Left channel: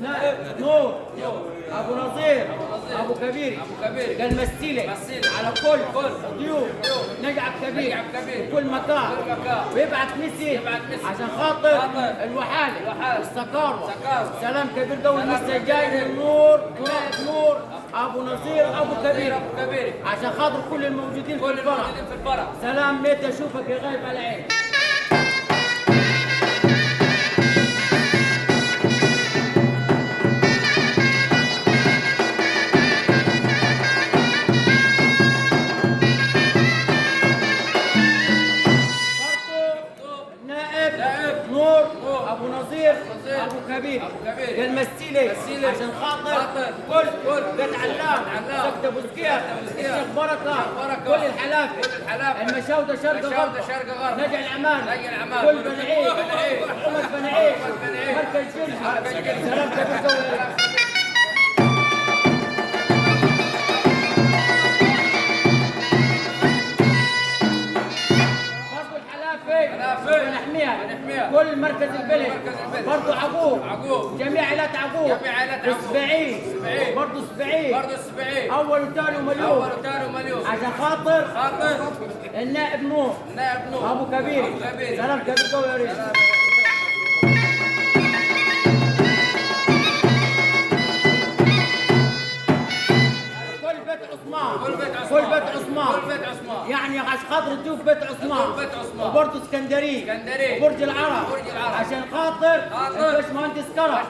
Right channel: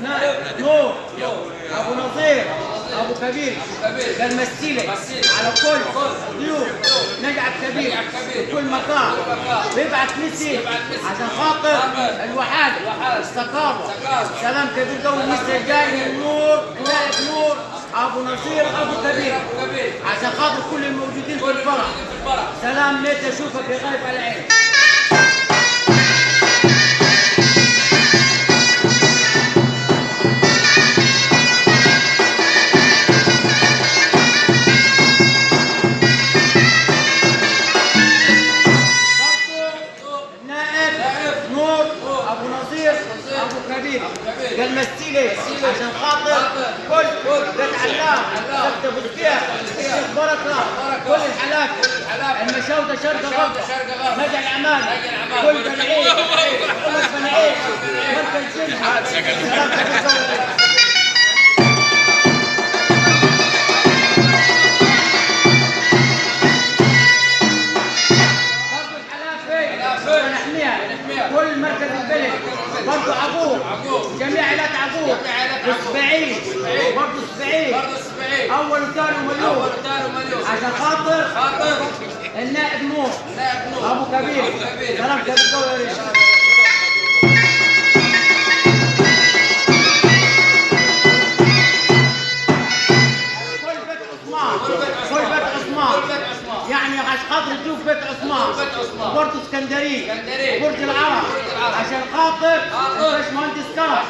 نور ابو نظير ابو كبير قال مثيلي على كل ضيوف نجعب كبير في كل مكان بيبعت مسي عشان خاطر الوحاده السكاره سلام كبير جو المسي جاي نور نائب نور ابو نظير ابو كبير عشان خاطر كل الموجودين في الفرح سلام ليت اشوفك يا غايب على عين. ابو نظير ابو كبير قال مثيلي عشان خاطر كل قال علام سبت ابو زكيه الشيخ بركه كل الحالات المشاوده شرق غرب نجع الاعمال كل بني عيد عمر بني عيد مركز جنة سلام كبير كل مركز البلد برضه عقوب جميع عائلات عقوب اسبعين برضه اسبعين اول وثاني ومليون عشان خاطر النائب نور ابو كبير سلام كبير قوي يا ريت. كل بيت عثمان يعني عشان خاطر تشوف بيت عثمان وبرضه اسكندريه وبرج العرب عشان خاطر الباشمهندس كرم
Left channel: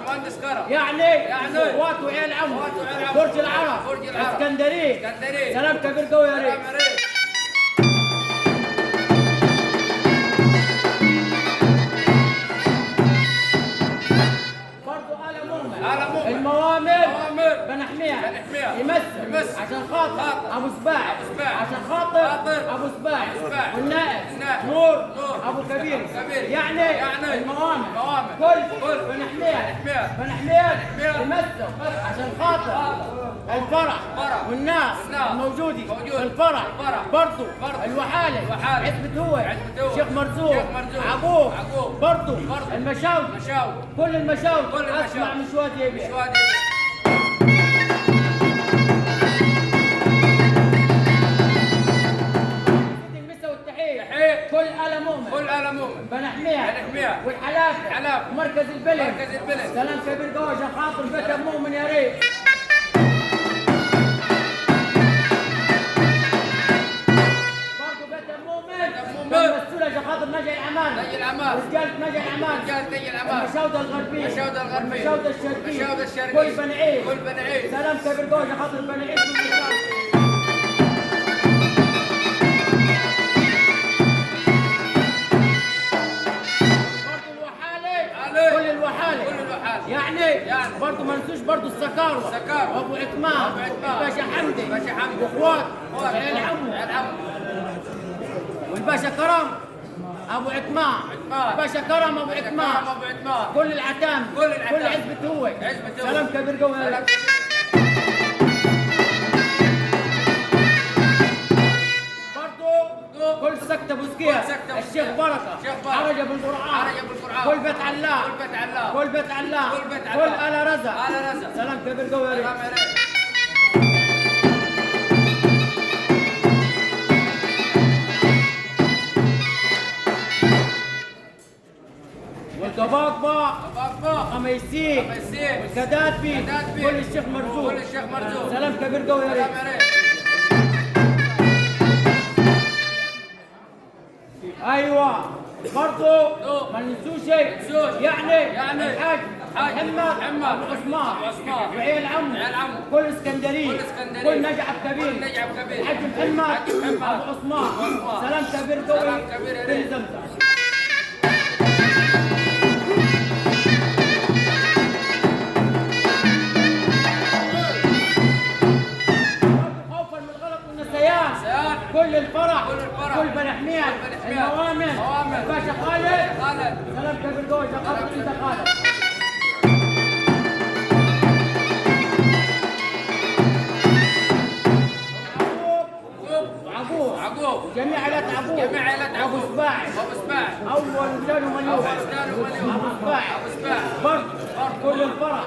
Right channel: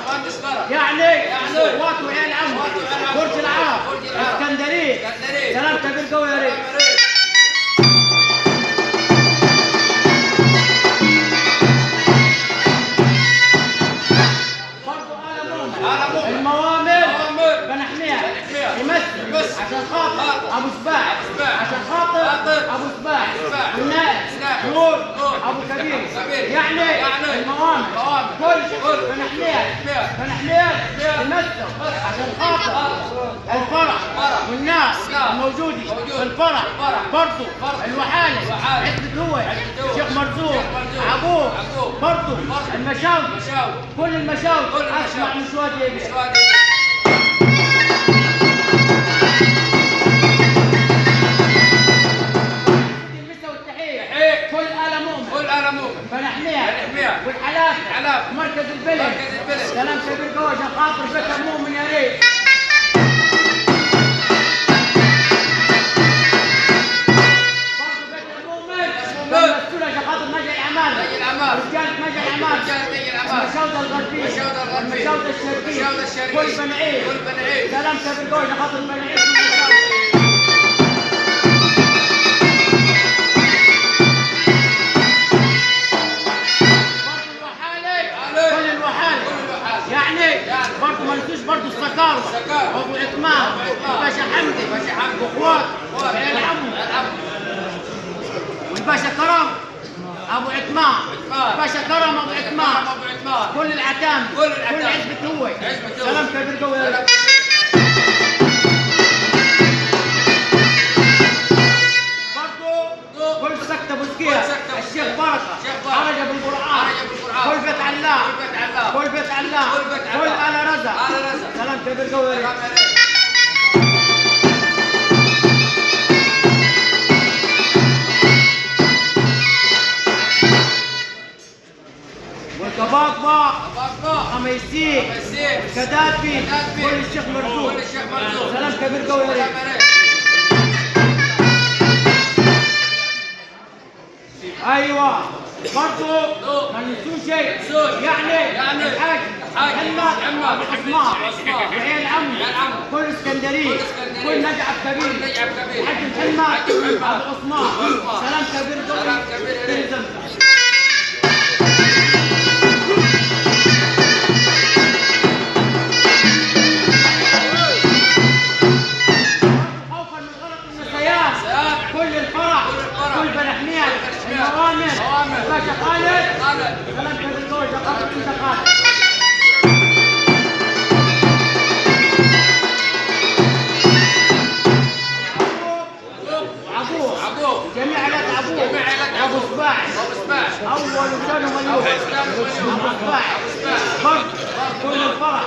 يعني اخوات وعيال عمه برج العرب اسكندريه سلام كبير قوي يا ريت. الموامر بنحميها يمثل عشان خاطر ابو سباع عشان خاطر ابو سباع والنائب نور ابو كبير يعني الموامر كل بنحميها يمثل عشان خاطر الفرح والناس الموجودين في الفرح برضه الوحاله عزبة هو شيخ مرزوق عقوب برضه المشاوي كل المشاوي اسمع من شويه كل آل مؤمن بنحميها والحلافة مركز البلد سلام كبير قوي عشان خاطر بيت المؤمن يا ريت. برضه بيت المؤمن مسؤول عشان خاطر نجع الأعمال رجالة نجع الأعمال المشاودة الغربية المشاودة الشرقية كل بني عيد سلام كبير قوي عشان خاطر بني عيد يعني برضه ما ننسوش برضه السكارة وابو عثمان والباشا حمدي واخوات وعيال عمه والباشا كرم ابو عثمان باشا كرم ابو عثمان كل العتام كل عزبة هو سلام كبير قوي. كل سكتة بوزكية الشيخ بركة عرج بالقرآن كل بيت علام كل آل رزق سلام كبير قوي. والقباقبة خميسين والكدافي كل الشيخ مرزوق سلام كبير قوي يا ريت. ايوه برضه ما ننسوش يعني الحاج محمد عثمان وعيال عمه كل اسكندريه كل نجعب كبير الحاج محمد ابو عثمان سلام كبير قوي. خوفا من غلط النسيان كل الفرح كل بنحميها الموامر باشا خالد سلام كبير قوي عشان خاطر انت خالد. عقوب جميع عائلات عقوب ابو سباع اول وثاني ومليون ابو سباع كل الفرح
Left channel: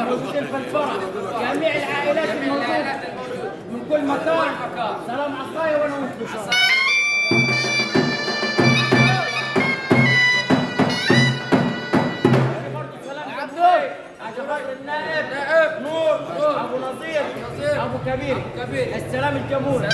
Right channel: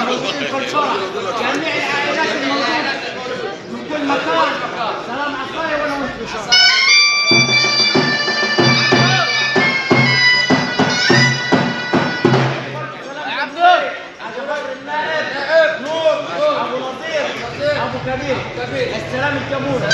الموجودين في الفرح، جميع العائلات الموجودة من كل مكان. سلام عصاية وانا وانت بشرف. نور ابو نصير ابو كبير السلام الجمهوري.